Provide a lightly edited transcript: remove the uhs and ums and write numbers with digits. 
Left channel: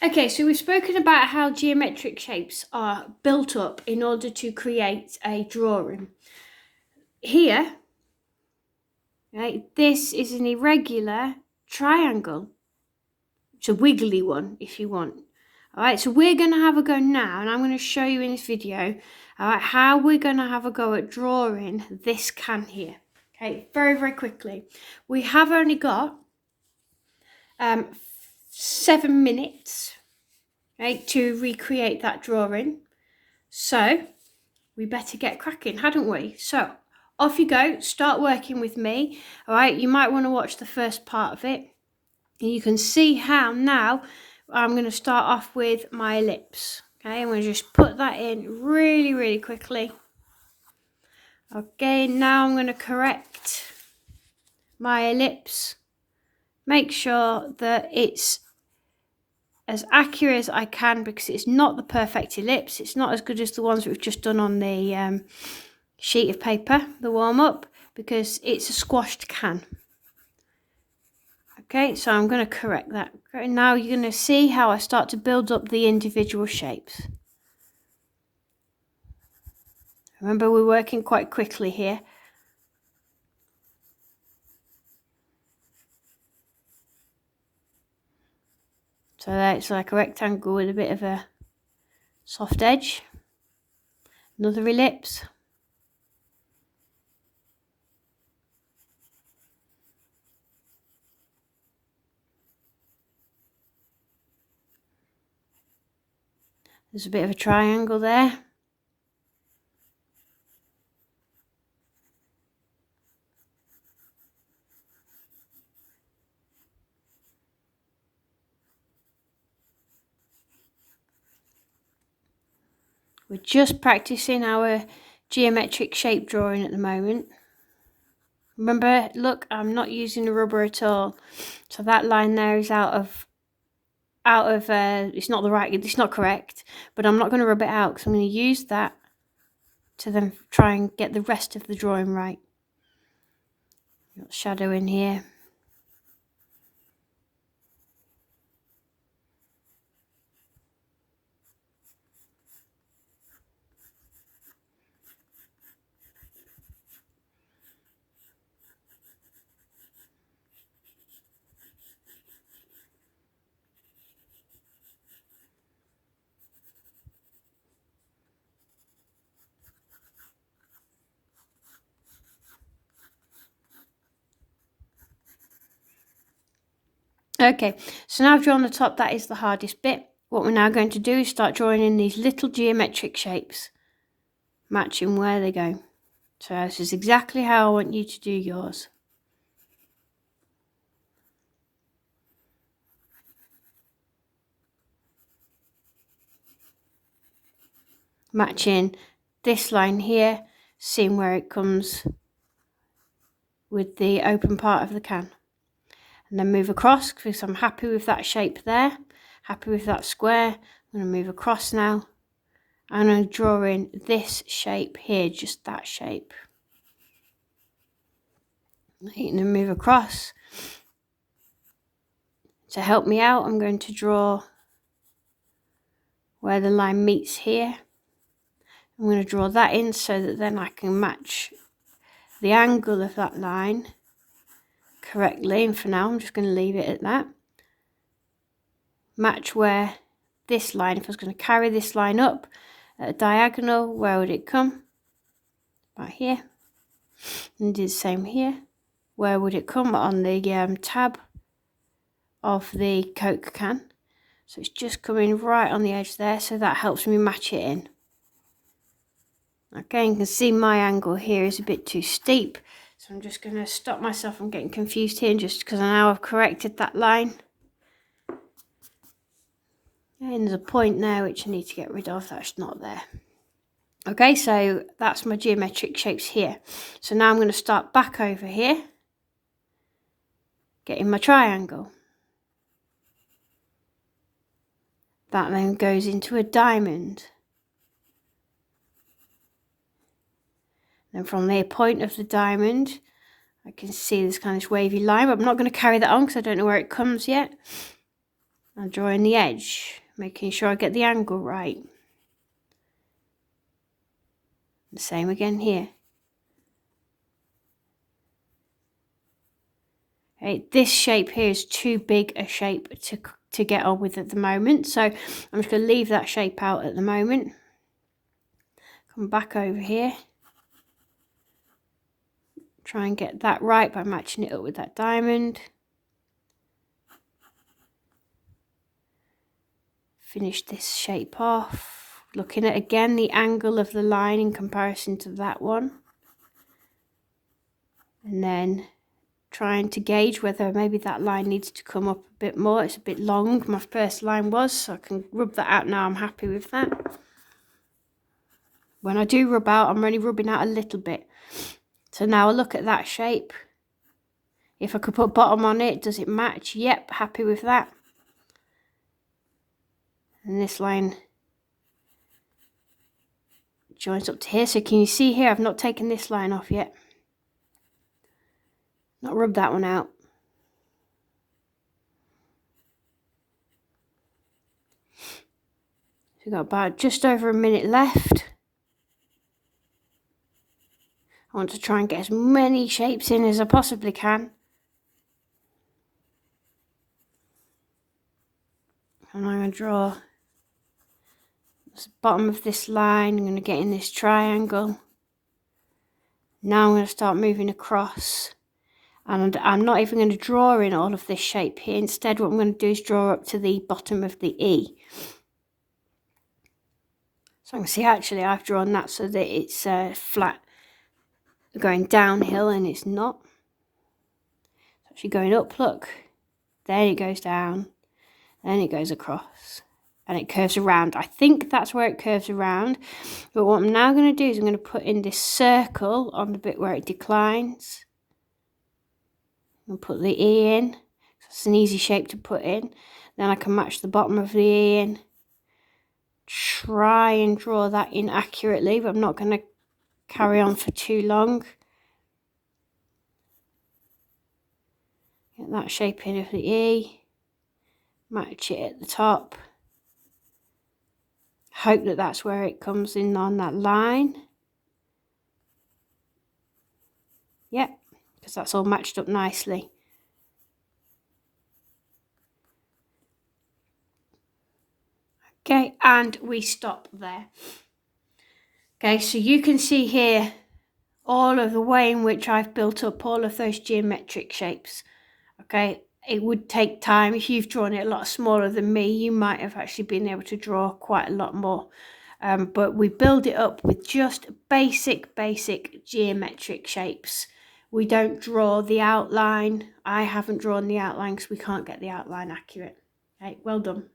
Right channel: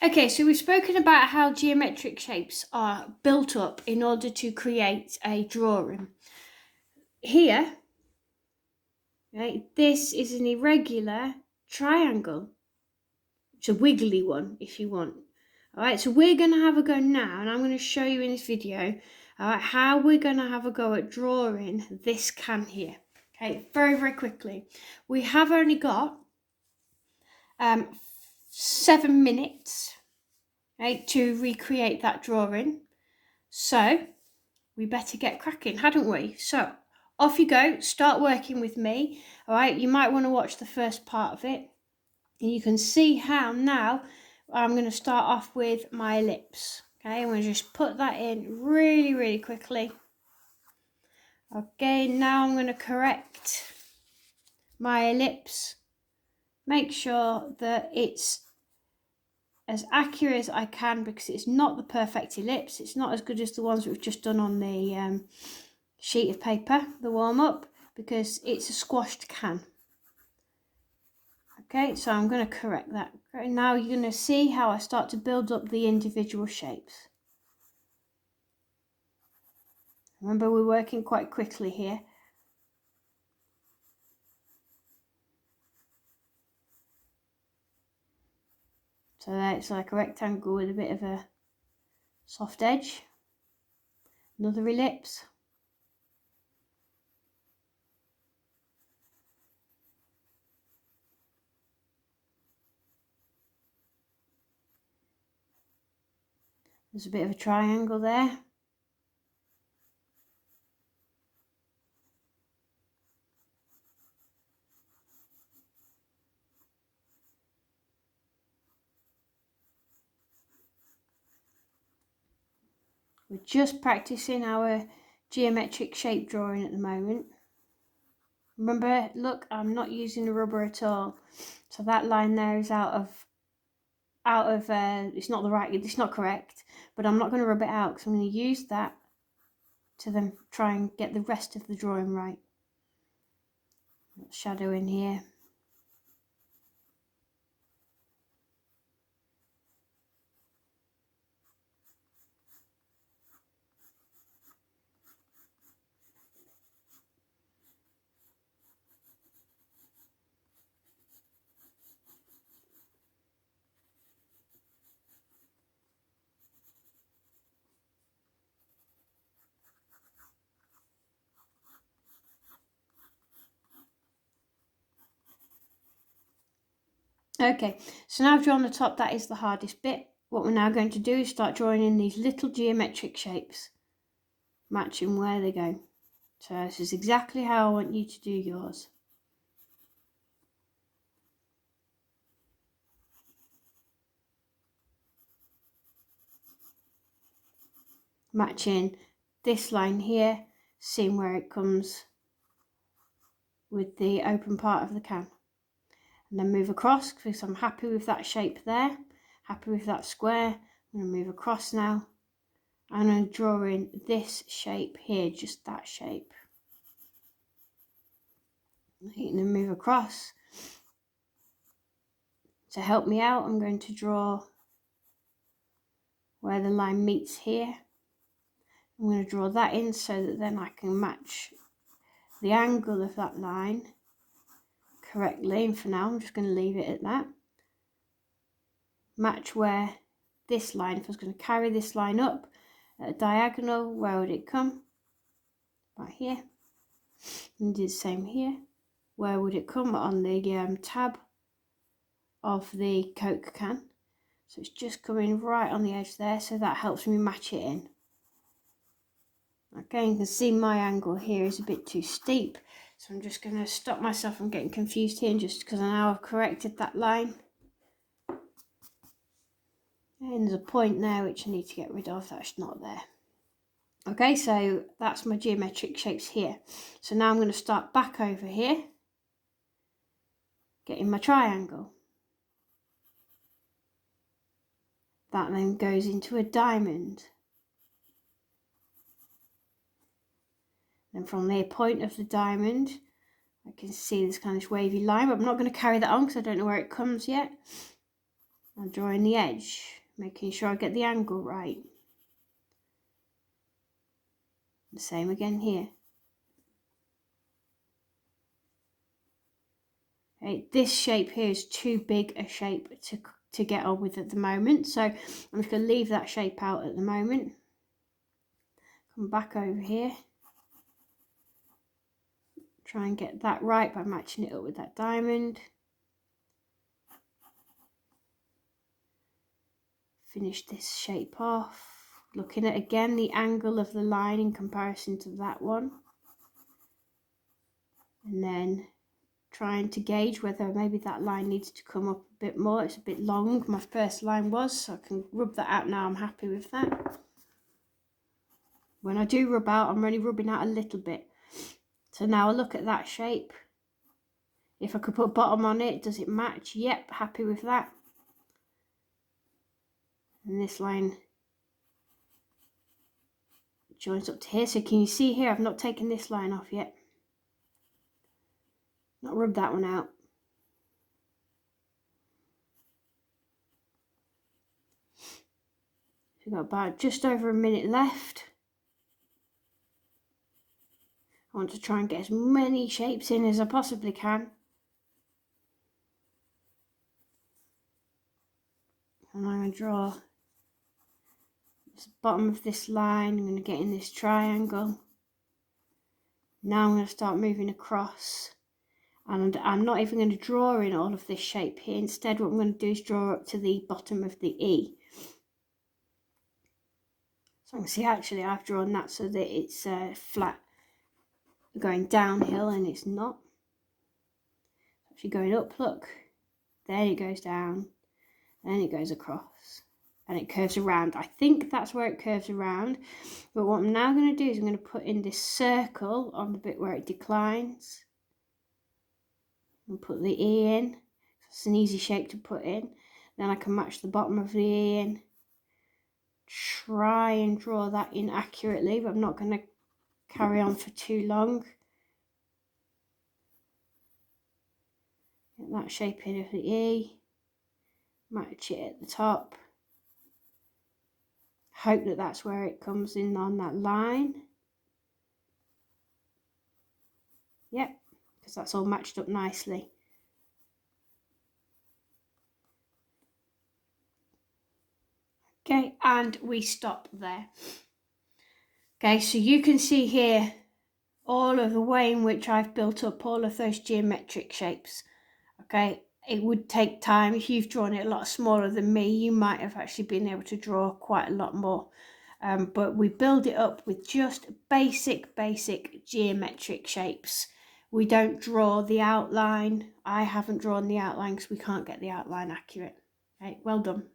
Okay, so we've spoken about how geometric shapes are built up in order to create a drawing. Here, right, this is an irregular triangle. It's a wiggly one if you want. All right, so we're going to have a go now, and I'm going to show you in this video, all right, how we're going to have a go at drawing this can here. Okay, very, very quickly. We have only got 7 minutes, right, to recreate that drawing. So we better get cracking, hadn't we? So off you go, start working with me. All right, you might want to watch the first part of it. And you can see how now I'm going to start off with my ellipse. Okay, I'm going to just put that in really, really quickly. Okay, now I'm going to correct my ellipse. Make sure that it's as accurate as I can, because it's not the perfect ellipse. It's not as good as the ones we've just done on the sheet of paper, the warm-up, because it's a squashed can. Okay, so I'm going to correct that. Now you're going to see how I start to build up the individual shapes. Remember, we're working quite quickly here. So that's like a rectangle with a bit of a soft edge. Another ellipse. There's a bit of a triangle there. We're just practicing our geometric shape drawing at the moment. Remember, look, I'm not using the rubber at all. So that line there is it's not correct, but I'm not going to rub it out because I'm going to use that to then try and get the rest of the drawing right. Got shadow in here. Okay, so now I've drawn the top. That is the hardest bit. What we're now going to do is start drawing in these little geometric shapes, matching where they go. So this is exactly how I want you to do yours. Matching this line here, seeing where it comes with the open part of the can. And then move across, because I'm happy with that shape there, happy with that square. I'm going to move across now. I'm going to draw in this shape here, just that shape. I'm going to move across. To help me out, I'm going to draw where the line meets here. I'm going to draw that in so that then I can match the angle of that line correctly. And for now, I'm just going to leave it at that. Match where this line, if I was going to carry this line up at a diagonal, where would it come? Right here. And do the same here. Where would it come? On the tab of the Coke can. So it's just coming right on the edge there, so that helps me match it in. Okay, you can see my angle here is a bit too steep, so I'm just going to stop myself from getting confused here, just because now I've corrected that line. And there's a point there which I need to get rid of, that's not there. Okay, so that's my geometric shapes here. So now I'm going to start back over here, getting my triangle. That then goes into a diamond. Then from the point of the diamond, I can see this kind of wavy line, but I'm not going to carry that on because I don't know where it comes yet. I'm drawing the edge, making sure I get the angle right. The same again here. Okay, this shape here is too big a shape to get on with at the moment, so I'm just going to leave that shape out at the moment. Come back over here. Try and get that right by matching it up with that diamond. Finish this shape off. Looking at again the angle of the line in comparison to that one. And then trying to gauge whether maybe that line needs to come up a bit more. It's a bit long, my first line was, so I can rub that out now. I'm happy with that. When I do rub out, I'm only rubbing out a little bit. So now I look at that shape. If I could put bottom on it, does it match? Yep, happy with that. And this line joins up to here. So can you see here, I've not taken this line off yet. Not rubbed that one out. So we've got about just over a minute left. I want to try and get as many shapes in as I possibly can. And I'm going to draw the bottom of this line. I'm going to get in this triangle. Now I'm going to start moving across. And I'm not even going to draw in all of this shape here. Instead, what I'm going to do is draw up to the bottom of the E. So I can see actually I've drawn that so that it's flat going downhill, and it's not. It's actually going up, look. Then it goes down. Then it goes across. And it curves around. I think that's where it curves around. But what I'm now going to do is I'm going to put in this circle on the bit where it declines. And put the E in. It's an easy shape to put in. Then I can match the bottom of the E in. Try and draw that in accurately, but I'm not going to carry on for too long. Get that shape in of the E. Match it at the top. Hope that that's where it comes in on that line. Yep, because that's all matched up nicely. Okay, and we stop there. Okay, so you can see here all of the way in which I've built up all of those geometric shapes. Okay, it would take time. If you've drawn it a lot smaller than me, you might have actually been able to draw quite a lot more. But we build it up with just basic geometric shapes. We don't draw the outline. I haven't drawn the outline because we can't get the outline accurate. Okay, well done.